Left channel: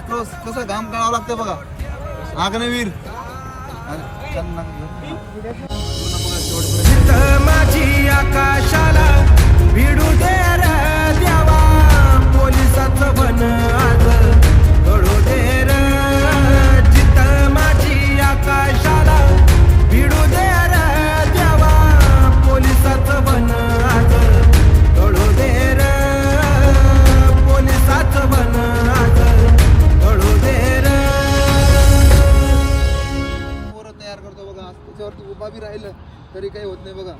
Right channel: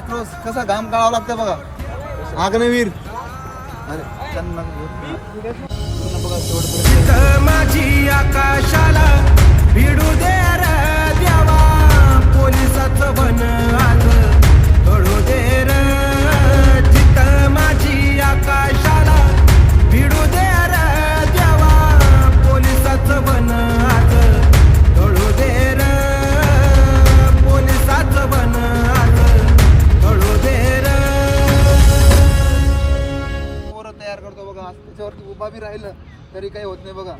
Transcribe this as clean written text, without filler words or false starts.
Cross कसा घाम काढावा लागतं बघा. अग्निवीर जिथं माझी आकाशाला भिडू दे रे देवा, पोलिसाचं बन आज कळू दे रे. जिथं माझी आकाशाला भिडू दे रे देवा, पोलिसाचं बन आज कळू दे रे. पोलिसाचं बन आज कळू दे रे. पोरं तयार करतो बघा. त्याच्यावरती उभा बी राहिलं तरी काही होत नाही बघा.